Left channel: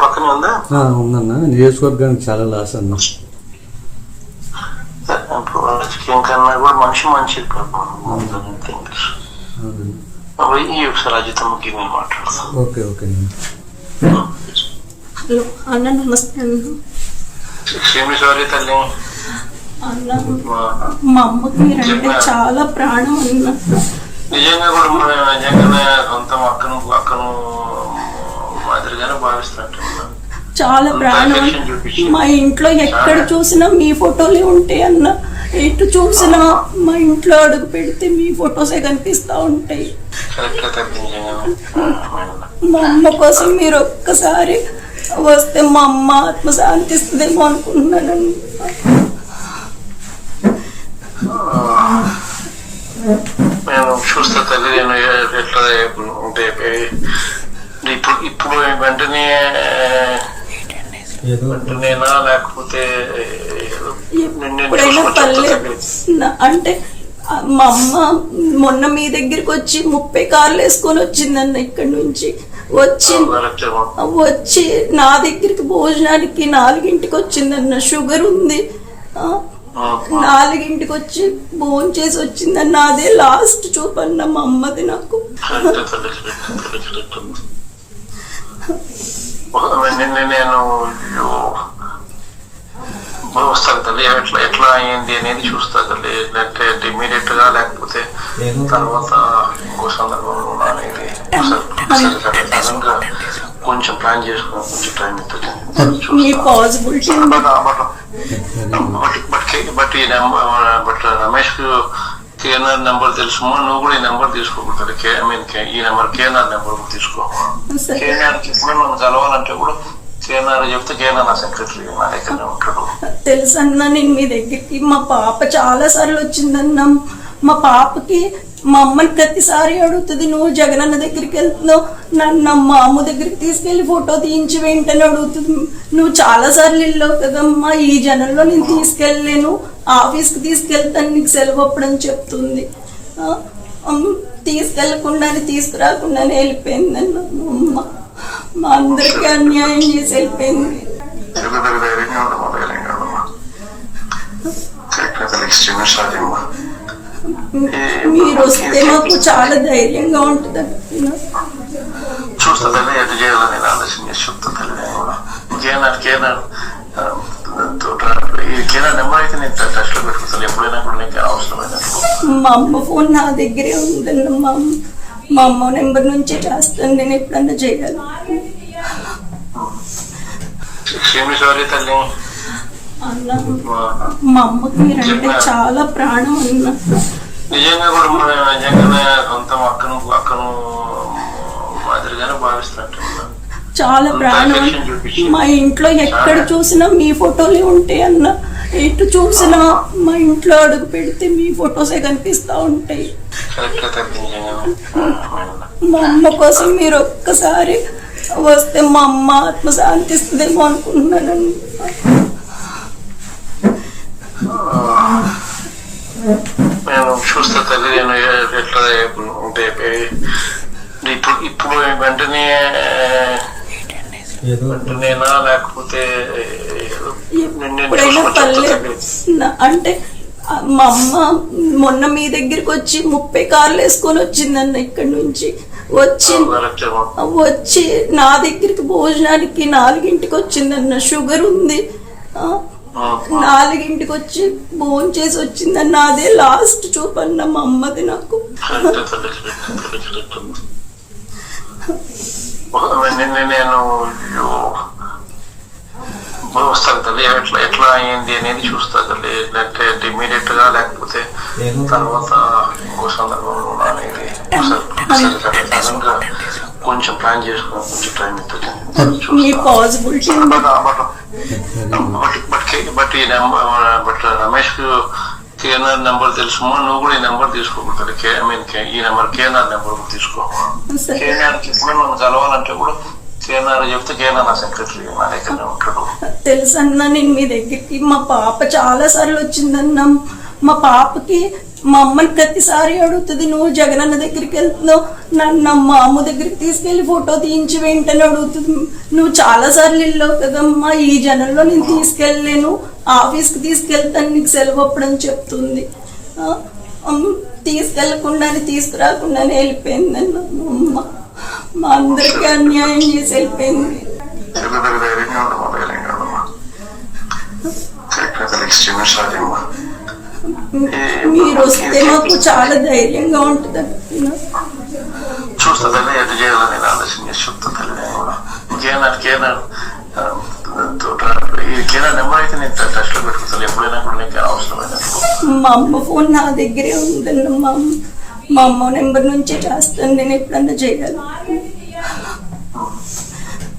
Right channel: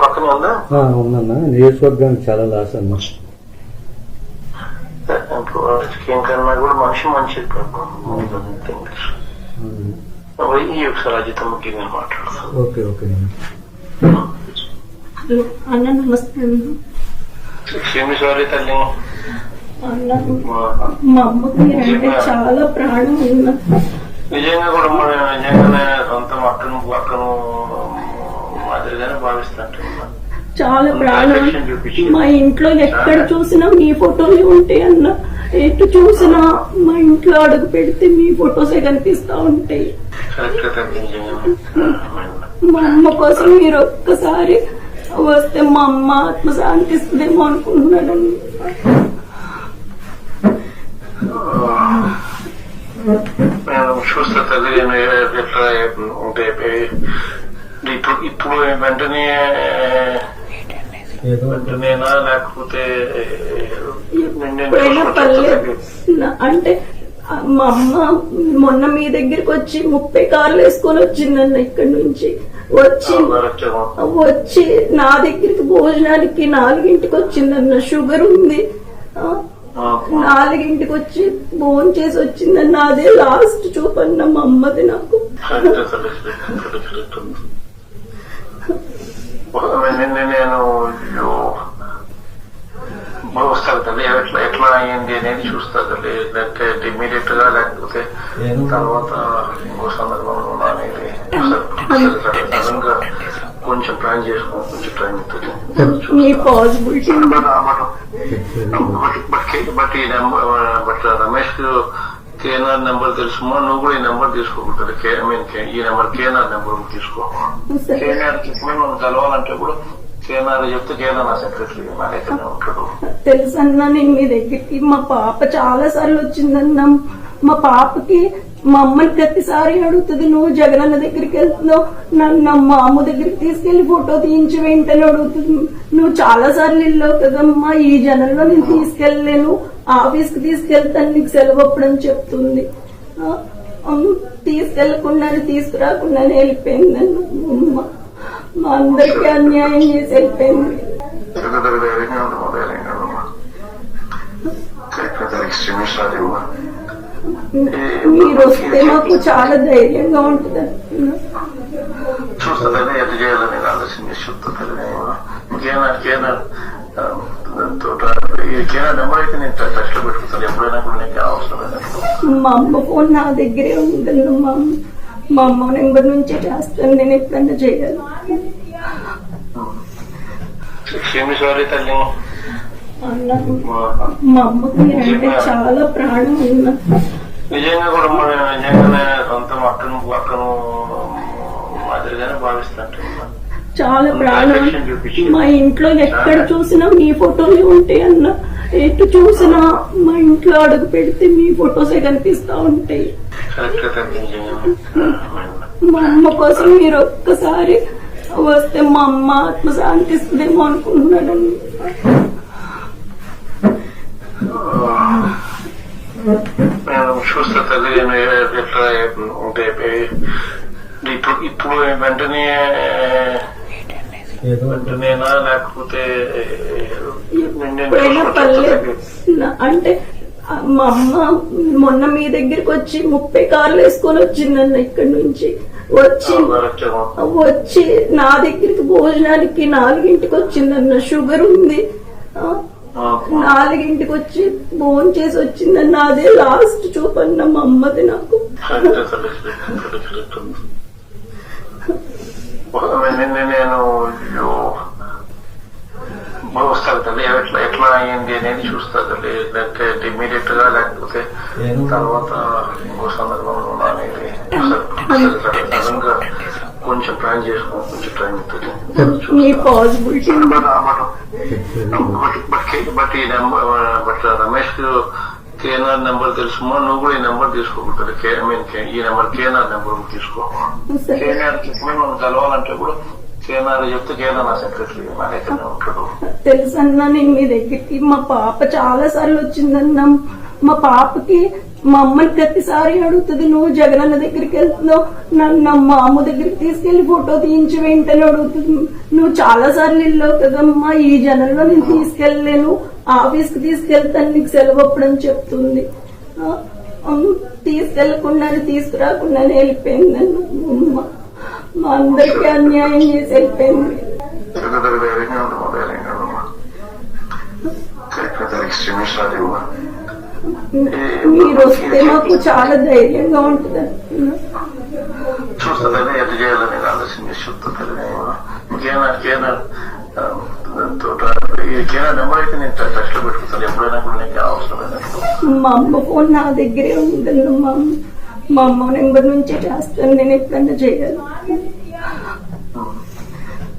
పక్కనే ఉందా? ఉందన్న. నియోజకవర్గానికి చాలా లాస్ అన్న. రాజకీయం కన్నా కూడా మనిషి మంచి ఒకసారి అజితమ్మకి నేను మాట్లాడతాను. ఓకే ఓకే హలో అన్న, నమస్తే అన్న. క్షమించాలి తల్లి. అన్న, మా అమ్మకి మీరంటే చాలా ప్రాణం అన్న. నిజంగా కూడా నిజంగానే సొంత అక్కను మాదిరిగానే భావిస్తాను. చాలా ప్రాణం. మా ఇంట్లో ఎక్కడ చూసినా మీ ఫోటోలే ఉంటాయి అన్న. ఎటు చూసినా మా ఇంట్లో అడుగు పెడితే మీ ఫొటోసే కనిపిస్తా ఉంటాయి. మా అమ్మ కోసం మీరు ఒక్కసారి వస్తే మా అమ్మ ఆత్మ శాంతిస్తుందేమో అనుకుంటున్నాను. నేను చూస్తా తల్లి. నేను ఎట్లా ఇప్పుడు వెంటనేనా లేకపోతే అంటే మా అమ్మ మొన్న మీ దగ్గరికి వచ్చి 30 కార్లు వేసుకొని వచ్చిందన్న. ఇక్కడి నుంచి వచ్చి నా దగ్గరికి భోజనానికి 4ంటికి వచ్చిందన్న. షుగర్ ఉంది, 4ంటికి వచ్చి భోజనం చేసి వచ్చిందన్న. అదే లాస్ట్ చూపన్న మా అమ్మది నాకు. నేను వస్తాను తల్లి. ఎట్లా అయ్యింది అనేది చూస్తా తల్లి. లేకపోతే ఇమీడియట్ గా లేకపోతే తర్వాత ఇంకో సందర్భంలో అనేది కొంచెం ప్లాన్ చేసుకుని కొంచెం టైం అవుతుంది. బట్ రమేష్ కేఎన్ఆర్ నెంబర్ తెలుసుమా? నువ్వు కూడా ఈ నెంబర్ తీసుకోకూడదు. ఈ నెంబర్ కేఎన్ఆర్ నెంబర్ తీసుకో. కేఎన్ఆర్ చెప్పిన మనం కలవాలంటే కూడా కేఎన్ఆర్ చెప్తే కేఎన్ఆర్ నా సెక్రటరీ నా దగ్గర ఉంటాడు. తెలుసన్నా, నేను మీ దగ్గరికి మా పాప చాలా సార్లు వచ్చిందన్నా. మా పాపకి మా అమ్మని ప్రతిసారి అడుగుతుంది, నువ్వు జగనన్న దగ్గరికి వెళ్తున్నావు, నన్ను మా అమ్మ దగ్గరికి తీసుకెళ్లి ఫోటో తీయించి వెంటనే అడుగుతుంది. నువ్వు చాలా సార్లు వెళ్ళావు కదమ్మా, ఈ జనంలో నేను తీసుకెళ్ళలేను, ఆఫీస్కి తీసుకెళ్తాను, నీకు సెలవు అప్పుడని చెప్తుంది. తీసుకెళ్లకుండానే తీసుకురాకుండానే వెళ్ళిపోయిందన్న అమ్మ. మా అందరికి అన్యాయం చేసి వెళ్ళిపోయింది. మీరు వస్తే మాకు చాలా ధైర్యంగా ఉంటుంది. చూస్తా ఎటు చేయాలని నేను ఆలోచన చేసి చెప్తా. నెంబర్ అయితే నేను టచ్ లో పెట్టుకుంటాను ఎప్పుడైనా కూడా నీకు అవసరమైనప్పుడు. మా అమ్మ ఫోన్ నా దగ్గరే ఉందన్న. మా అమ్మ నెంబర్ నుంచే చేస్తాను నేను ఎప్పుడన్నా చేయగలను. క్షమించాలి తల్లి. అన్న, మా అమ్మకి మీరంటే చాలా ప్రాణం అన్న. నిజంగా కూడా నిజంగానే సొంత అక్కను మాదిరిగానే భావిస్తాను. చాలా ప్రాణం. మా ఇంట్లో ఎక్కడ చూసినా మీ ఫోటోలే ఉంటాయి అన్న. ఎటు చూసినా మా ఇంట్లో అడుగు పెడితే మీ ఫొటోసే కనిపిస్తా ఉంటాయి. మా అమ్మ కోసం మీరు ఒక్కసారి వస్తే మా అమ్మ ఆత్మ శాంతిస్తుందేమో అనుకుంటున్నాను. నేను చూస్తా తల్లి. నేను ఎట్లా ఇప్పుడు వెంటనేనా లేకపోతే అంటే మా అమ్మ మొన్న మీ దగ్గరికి వచ్చి 30 కార్లు వేసుకొని వచ్చిందన్న. ఇక్కడి నుంచి వచ్చి నా దగ్గరికి భోజనానికి 4ంటికి వచ్చిందన్న. షుగర్ ఉంది, 4ంటికి వచ్చి భోజనం చేసి వచ్చిందన్న. అదే లాస్ట్ చూపన్న మా అమ్మది నాకు. నేను వస్తాను తల్లి. ఎట్లా అయ్యింది అనేది చూస్తా తల్లి. లేకపోతే ఇమీడియట్ గా లేకపోతే తర్వాత ఇంకో సందర్భంలో అనేది కొంచెం ప్లాన్ చేసుకుని కొంచెం టైం అవుతుంది. బట్ రమేష్ కేఎన్ఆర్ నెంబర్ తెలుసుమా? నువ్వు కూడా ఈ నెంబర్ తీసుకోకూడదు. ఈ నెంబర్ కేఎన్ఆర్ నెంబర్ తీసుకో. కేఎన్ఆర్ చెప్పిన మనం కలవాలంటే కూడా కేఎన్ఆర్ చెప్తే కేఎన్ఆర్ నా సెక్రటరీ నా దగ్గర ఉంటాడు. తెలుసన్నా, నేను మీ దగ్గరికి మా పాప చాలా సార్లు వచ్చిందన్న. మా పాపకి మా అమ్మని ప్రతిసారి అడుగుతుంది, నువ్వు జగనన్న దగ్గరికి వెళ్తున్నావు, నన్ను మా అమ్మ దగ్గరికి తీసుకెళ్లి ఫోటో తీయించి వెంటనే అడుగుతుంది. నువ్వు చాలా సార్లు వెళ్ళావు కదమ్మా, ఈ జనంలో నేను తీసుకెళ్ళలేను, ఆఫీస్కి తీసుకెళ్తాను, నీకు సెలవు అప్పుడని చెప్తుంది. తీసుకెళ్లకుండానే తీసుకురాకుండానే వెళ్ళిపోయింది అమ్మ. మా అందరికీ అన్యాయం చేసి వెళ్ళిపోయింది. మీరు వస్తే మాకు చాలా ధైర్యంగా ఉంటుంది. చూస్తా తల్లి, ఎటు చేయాలని నేను ఆలోచన చేసి చెప్తా తల్లి. కేనా నెంబర్ అయితే నేను టచ్ లో పెట్టుకుంటాను ఎప్పుడైనా కూడా నీకు అవసరమైనప్పుడు. మా అమ్మ ఫోన్ నా దగ్గరే ఉందన్న, మా అమ్మ నెంబర్ నుంచే చేస్తాను నేను ఎప్పుడన్నా చేయగలను.